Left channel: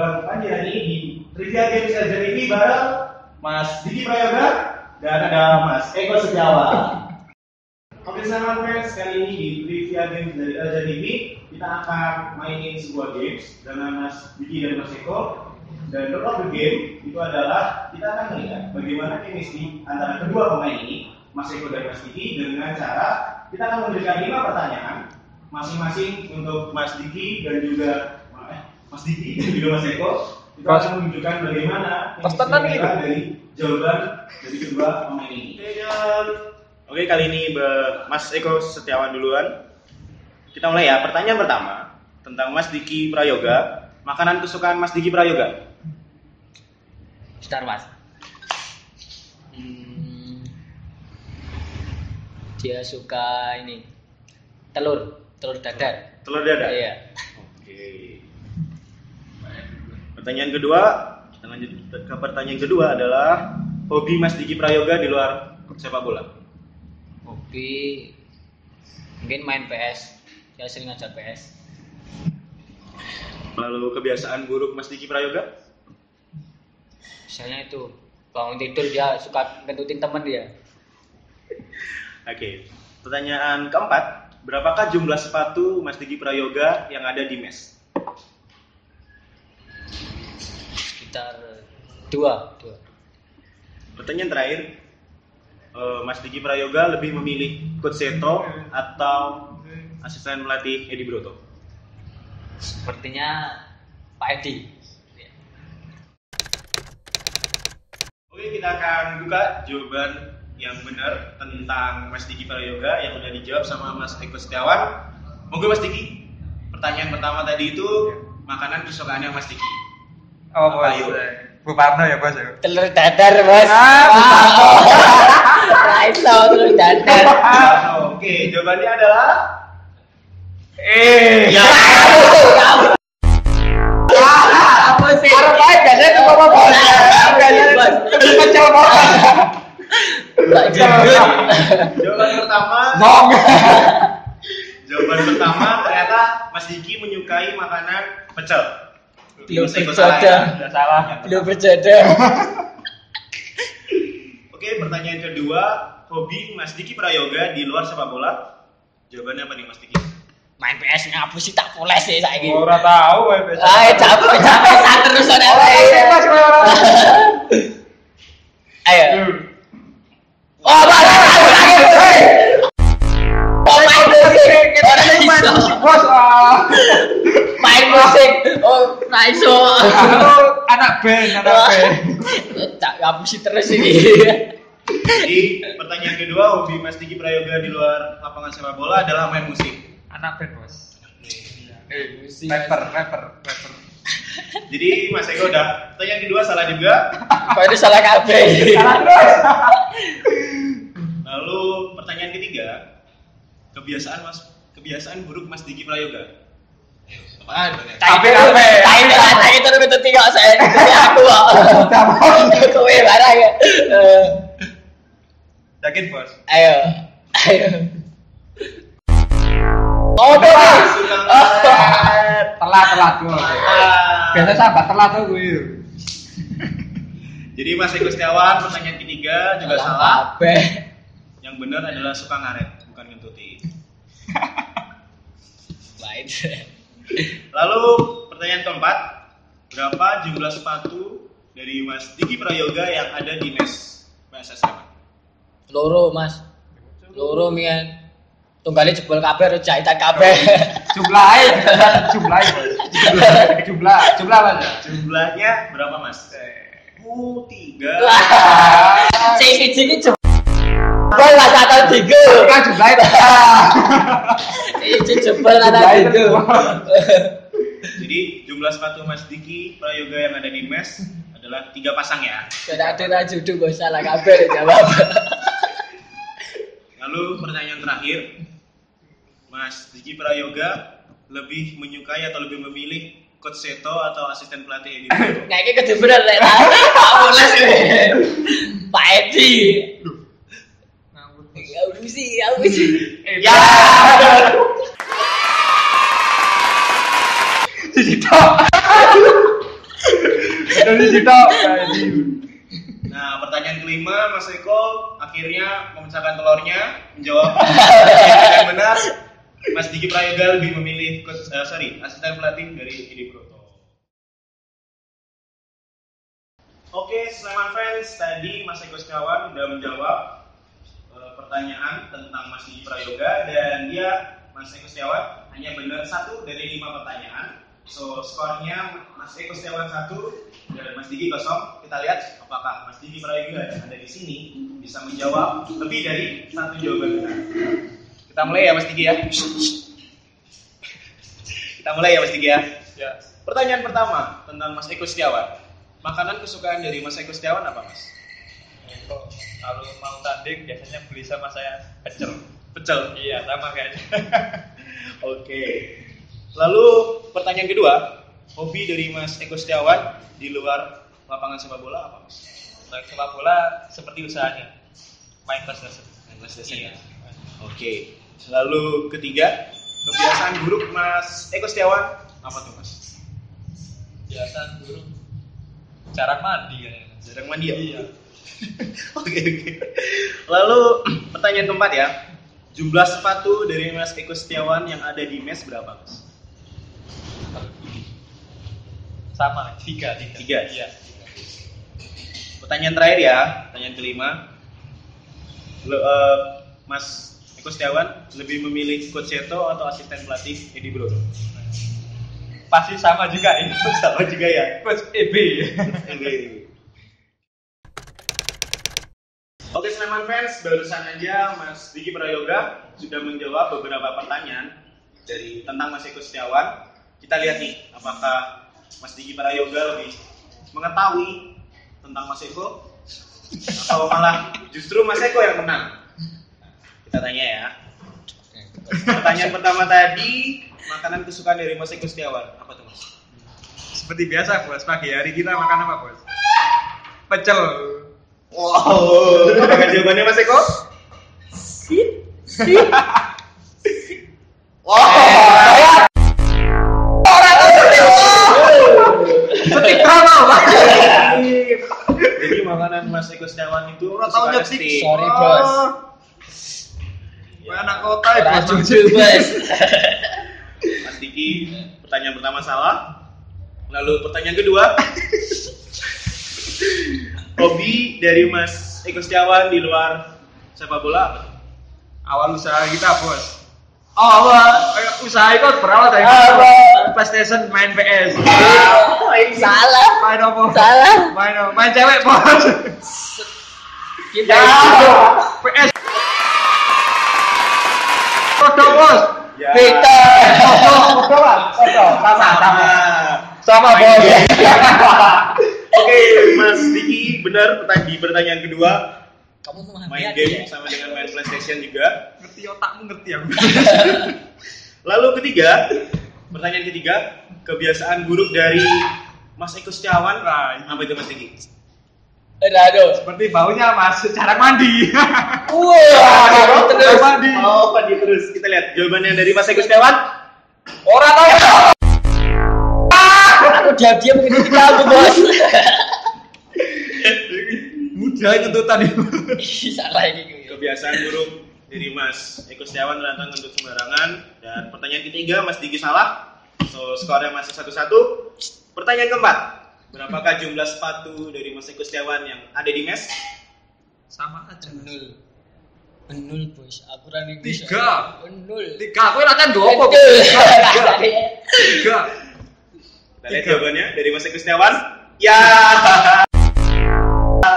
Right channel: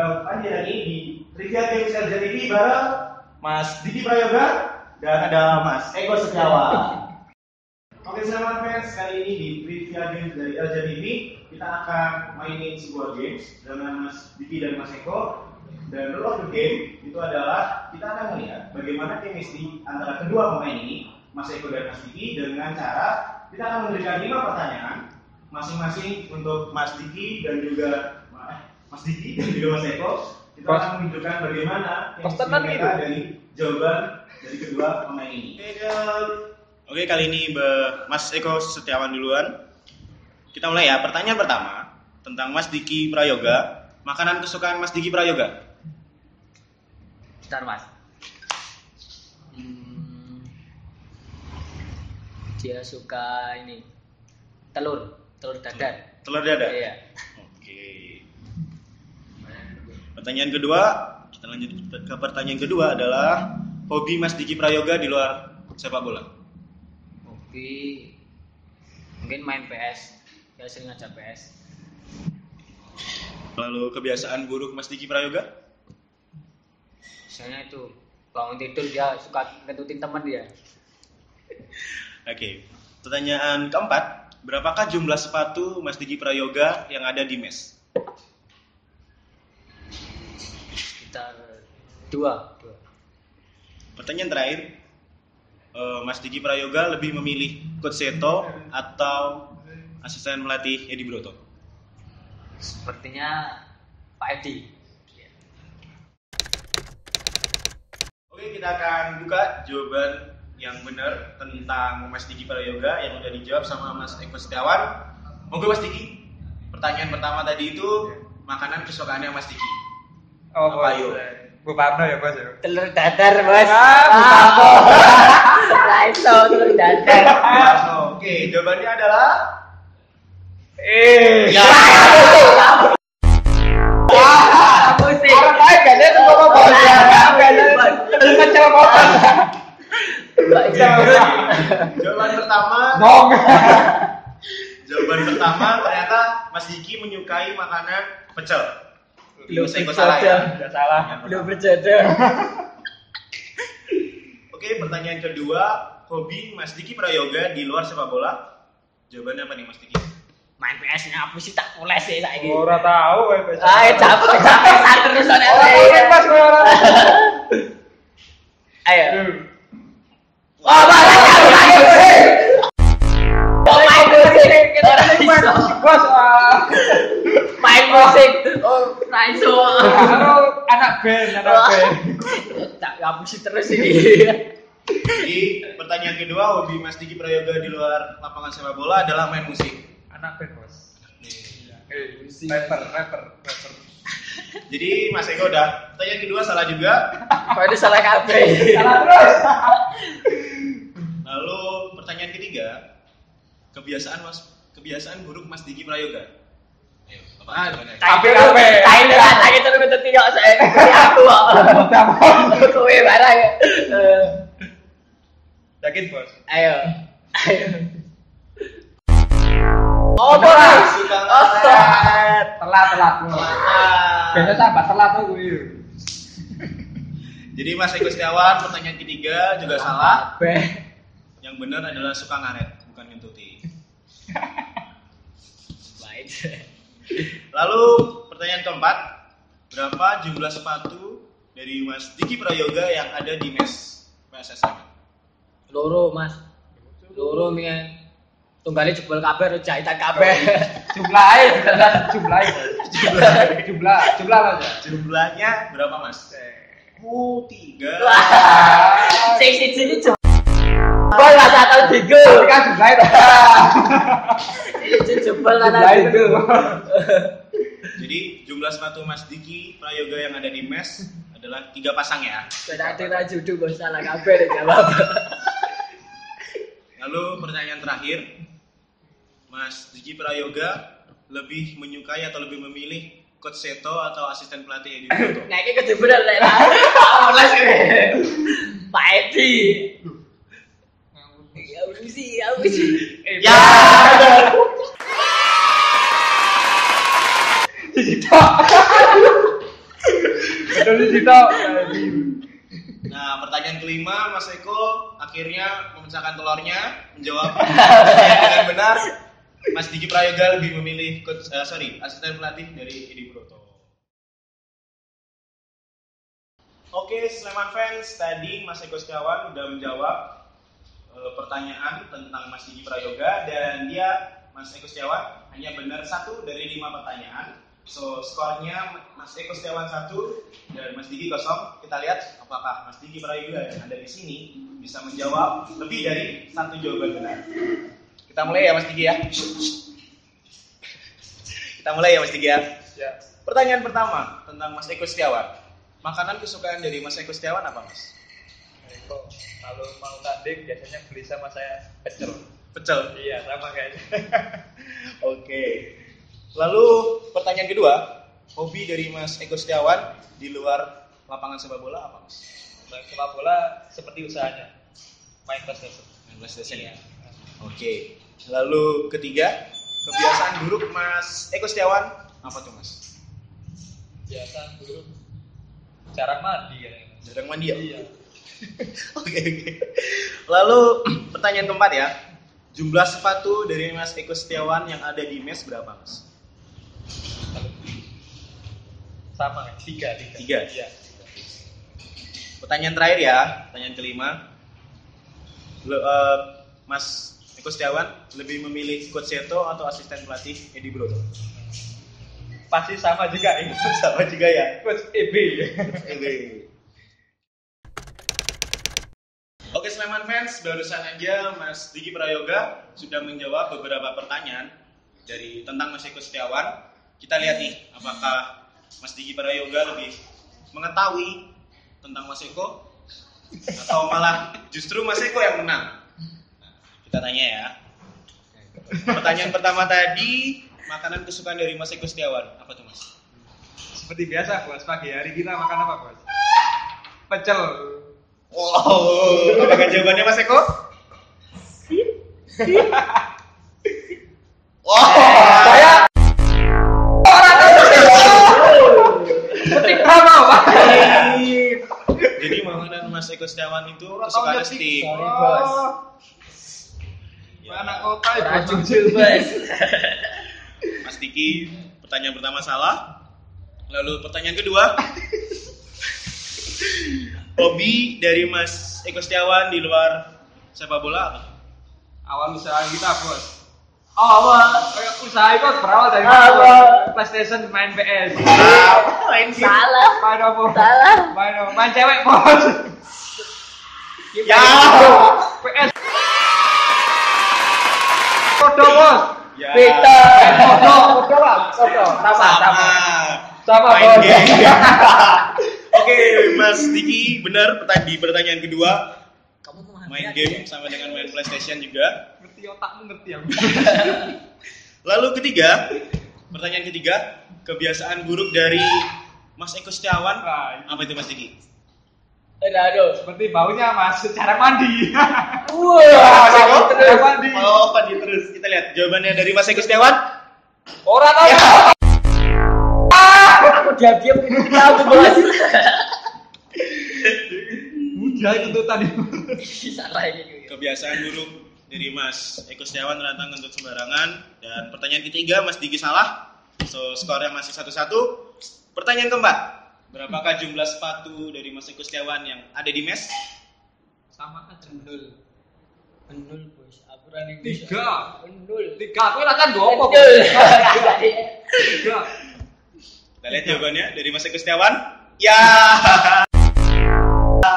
bareng Panji lagi di Trivia Games Raja TV bareng Mas Diki Prayoga dan ada Mas Eko Setiawan. Oke, selamat fans, kali ini di Trivia Games dari Raja TV kita akan mainin sebuah games dengan Mas Diki dan Mas Eko. Dan rule of the game itu adalah kita akan melihat bagaimana chemistry antara kedua pemain ini, Mas Eko dan Mas Diki, dengan cara kita akan memberikan 5 pertanyaan masing-masing untuk Mas Diki dan juga Mas Diki dan juga Mas Eko. Kita akan menunjukkan bagaimana chemistry dari jawaban dari kedua pemain ini. Oke, kali ini Mas Eko Setiawan duluan. Kita mulai ya. Pertanyaan pertama tentang Mas Diki Prayoga. Makanan kesukaan Mas Diki Prayoga? Star Mas. Dia suka ini telur dadar. Telur dadar? Iya. Oke. Pertanyaan kedua, kita lanjut ke pertanyaan kedua adalah hobi Mas Diki Prayoga di luar sepak bola. Hobi mungkin main PS. Saya sering ngajak PS. Lalu kebiasaan buruk Mas Diki Prayoga? Misalnya itu bangun tidur dia suka ngentutin teman dia. Oke. Pertanyaan keempat, berapakah jumlah sepatu Mas Diki Prayoga yang ada di mes? Sekitar 2. Pertanyaan terakhir, Mas Diki Prayoga lebih memilih Coach Seto atau asisten pelatih Edi Broto? Sepertinya Pak Edi. Oke, kita akan buka jawaban yang benar tentang Mas Diki Prayoga yang udah dijawab sama Mas Eko Setiawan. Monggo Mas Diki. Pertanyaan pertama tadi itu makanan kesukaannya Mas Diki. Oh, Bos. Bu Parno ya, Bos. Telur dadar, Bos. Bu Parno. Raiso telur dadar. Oke, jawabannya adalah Ya. Apa sih? Arep ae biasanya tuh apa, Bos? Biasanya pecel motor. jawaban pertama. Dong. Jawaban pertama ternyata Mas Diki menyukai makanan pecel. Belum Mas Eko salah ya. Udah salah. Belum berjodoh. Oke, pertanyaan kedua, hobi Mas Diki Prayoga di luar sepak bola. Jawabannya apa nih Mas Diki? Main PS ngapus sih tak poles sih saiki. Ora tahu wae biasa. Capek terus ana. Ora tahu nek Mas kowe ora. Ayo. Oh, main musik, Bos. main musik. Oh, raiso. Halo, anak band. Tak ngapusi terus ini. Jadi pertanyaan kedua, hobi Mas Diki Prayoga di luar lapangan sepak bola adalah main musik. Anak band, Bos. Musik. Rapper. Jadi Mas Eko udah. Pertanyaan kedua salah juga. Kok itu salah kabeh. Salah terus. Lalu pertanyaan ketiga, kebiasaan buruk Mas Diki Prayoga. Tapi Tai terus ketemu tinggal saya. Aku kok. Kowe barang. Yakin, Bos? Ayo. Oh, Bos. Telat. Biasa sahabat telat tuh gue. Jadi Mas Eko Setiawan, pertanyaan ketiga juga salah. Yang benar adalah suka ngaret, bukan ngentuti. Baik. Lalu pertanyaan keempat, berapa jumlah sepatu dari Mas Diki Prayoga yang ada di mes PSSM? Loro, Mas. Loro mian. Tunggale jebol kabeh terus jahitan kabeh. Jumlahnya, Bos. Jumlah Mas. Jumlahnya berapa Mas? 3. Sing siji iki jebol lah satu tiga. Kan jumlahnya. Sing jebol satu tiga. Jadi jumlah sepatu Mas Diki Prayoga yang ada di mes adalah 3 pasang ya. Sudah ada judul Bos salah kabeh jawab. Lalu pertanyaan terakhir, Mas Diki Prayoga lebih menyukai atau lebih memilih Coach Seto atau asisten pelatih Edi Broto? Nah ini kejeberan lek tak poles iki. Pak Edi. Aku sih. Ya. Cici tok. Jadi sitok. Nah, pertanyaan kelima, Mas Eko akhirnya memecahkan telurnya, menjawab dengan benar. Mas Diki Prayoga lebih memilih asisten pelatih dari Edi Broto. Oke, Sleman fans, tadi Mas Eko Setiawan sudah menjawab pertanyaan tentang Mas Diki Prayoga dan Mas Eko Setiawan hanya benar 1 dari 5 pertanyaan. So, skornya Mas Eko Setiawan 1 dan Mas Diki 0. Kita lihat apakah Mas Diki Prayoga yang ada di sini bisa menjawab lebih dari 1 jawaban benar. Kita mulai ya Mas Diki ya. Kita mulai ya Mas Diki ya. Ya. Pertanyaan pertama tentang Mas Eko Setiawan. Makanan kesukaan dari Mas Eko Setiawan apa Mas? Eko, kalau mau tanding biasanya beli sama saya pecel. Pecel. Iya, sama kayaknya. Oke. Lalu pertanyaan kedua, hobi dari Mas Eko Setiawan di luar lapangan sepak bola apa Mas? Main sepak bola seperti usahanya. Main PlayStation. Main PlayStation Iya. ya. Oke. Lalu ketiga, kebiasaan buruk Mas Eko Setiawan apa tuh Mas? Biasa dulu jarang mandi kayaknya. Jarang mandi ya? Iya. Oke. Lalu pertanyaan keempat ya, jumlah sepatu dari Mas Eko Setiawan yang ada di mes berapa Mas? Sama, tiga. Tiga? Iya. Pertanyaan terakhir ya, pertanyaan kelima. Mas Eko Setiawan lebih memilih Coach Seto atau asisten pelatih Edi Broto? Pasti sama juga ini. Sama juga ya. Coach EB. Oke Sleman fans, barusan aja Mas Diki Prayoga sudah menjawab beberapa pertanyaan tentang Mas Eko Setiawan. Kita lihat nih, apakah Mas Diki Prayoga lebih mengetahui tentang Mas Eko atau malah justru Mas Eko yang menang? Kita tanya ya. Pertanyaan pertama tadi, makanan kesukaan dari Mas Eko Setiawan apa tuh Mas? Seperti biasa, Bos. Pagi hari kita makan apa, Bos? Pecel. Wow, apakah jawabannya Mas Eko? Wow, Saya orang setika mau, Pak. Jadi makanan Mas Eko Setiawan itu Orang tahu kesukaan nyetik. steak. Sorry, Bos. Ya. Anak kota ya, Ora Bos. jujur, Bos. Mas Diki, pertanyaan pertama salah. Lalu pertanyaan kedua, hobi dari Mas Eko Setiawan di luar sepak bola apa? Awal usaha kita, Bos. Awal. Usaha itu berawal dari Awal. PlayStation, main PS. Salah. Main apa? Salah. Main cewek, Bos. Kita Ya. PS. Foto, Bos. Ya. Kita. Foto, Bang. Foto. Sama, Main Bos. game. Oke, Mas Diki benar di pertanyaan kedua, Kamu tuh main game sama dengan main PlayStation juga. Ngerti otakmu, ngerti aku. Lalu pertanyaan ketiga, kebiasaan buruk dari Mas Eko Setiawan Nah, apa itu Mas Diki? Aduh. seperti baunya, Mas. Cara mandi. Wah, Cara terus. mandi. Oh, mandi terus. Kita lihat jawabannya dari Mas Eko Setiawan. Orang tahu. Aku diam-diam mengikuti kamu, Bos. Mudah kentutan itu. Salah ini. Kebiasaan buruk dari Mas Eko Setiawan ternyata ngentut sembarangan. Dan pertanyaan ketiga Mas Diki salah. So skornya masih 1-1. Pertanyaan keempat, berapakah jumlah sepatu dari Mas Eko Setiawan yang ada di mes? Sama aja. Benul, Bos. Aku running bisa. 3. Benul. 3. Aku enakan 2 apa? Benul. 3. Kita lihat jawabannya dari Mas Eko Setiawan. Ya.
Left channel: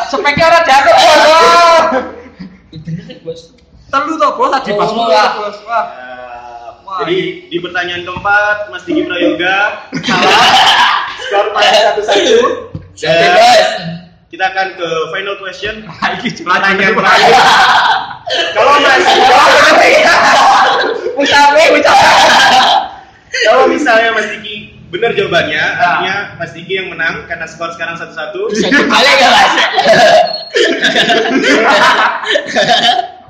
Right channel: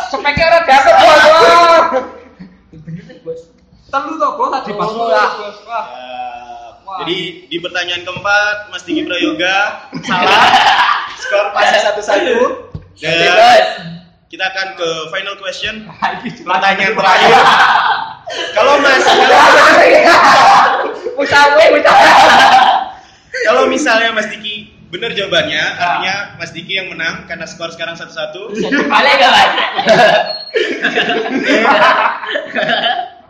Speknya orang jatuh, Bos. Wah. Bener kan, Bos? Telu toh, Bos. Tadi pas Oh, mulai, Bos. Wah. Ya. Wah. Jadi di pertanyaan keempat Mas Diki Prayoga salah. Skor masih 1-1. Dan Bebas. kita akan ke final question. Ini Pertanyaan celana. terakhir. Kalau kalau misalnya Mas Diki benar jawabannya, artinya Mas Diki yang menang karena skor sekarang 1-1. Satu kali enggak, Mas?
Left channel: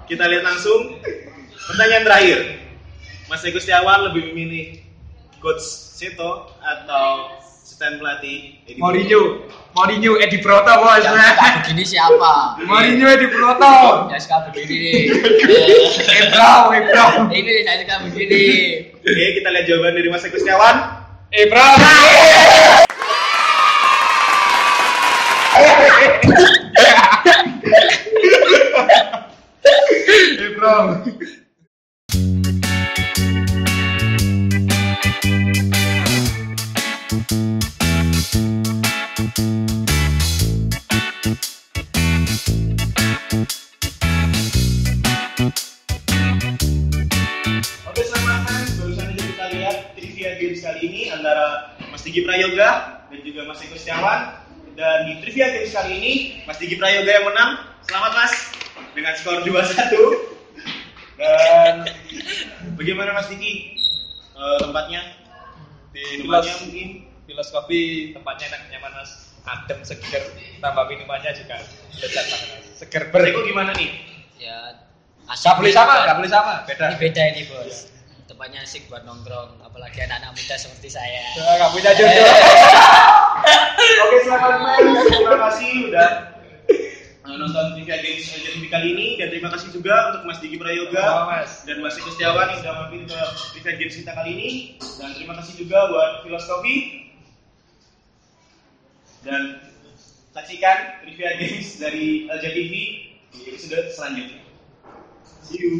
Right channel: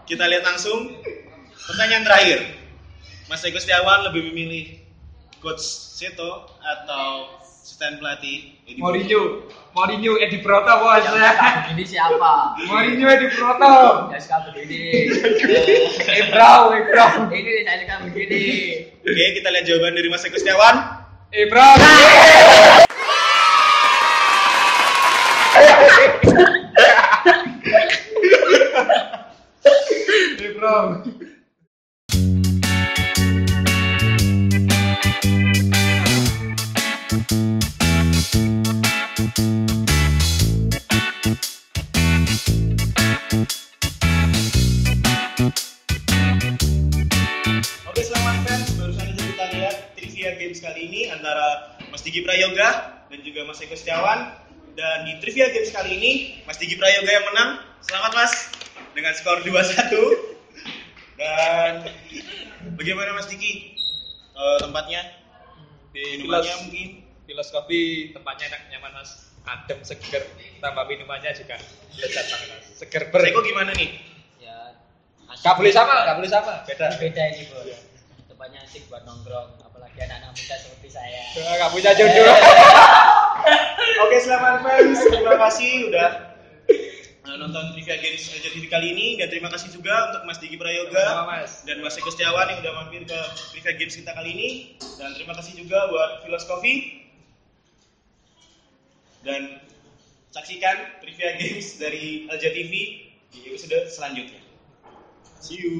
Kita lihat langsung. Pertanyaan terakhir. Mas Eko Setiawan lebih memilih Coach Seto atau asisten pelatih Edi Mourinho Edi Broto bos. Yang suka begini siapa? Mourinho Edi Broto. Yang suka begini. Ebram. Ini saya suka begini. Oke, kita lihat jawaban dari Mas Eko Setiawan. Ebram. Oke, selamat fans. Barusan aja kita lihat trivia games kali ini antara Mas Diki Prayoga dan juga Mas Eko Setiawan. Dan di trivia games kali ini Mas Diki Prayoga yang menang. Selamat Mas dengan skor 2-1. Dan bagaimana Mas Diki tempatnya? Di Minumannya mungkin? Filosofi tempatnya enak, nyaman mas, adem, seger, tambah minumannya juga lezat banget mas, seger Mas Eko gimana nih? Ya, Gak boleh sama, beda. Ini beda ini bos. Tempatnya asik buat nongkrong, apalagi anak-anak muda seperti saya. Gak punya jodoh. Oke, selamat fans. Terima kasih udah nonton trivia games jadi kali ini, dan terima kasih juga untuk Mas Diki Prayoga Mas. dan Mas Eko Setiawan yang udah mampir ke trivia games kita kali ini, dan terima kasih juga buat Filosofi. Dan saksikan trivia games dari LJ TV di episode selanjutnya. See you.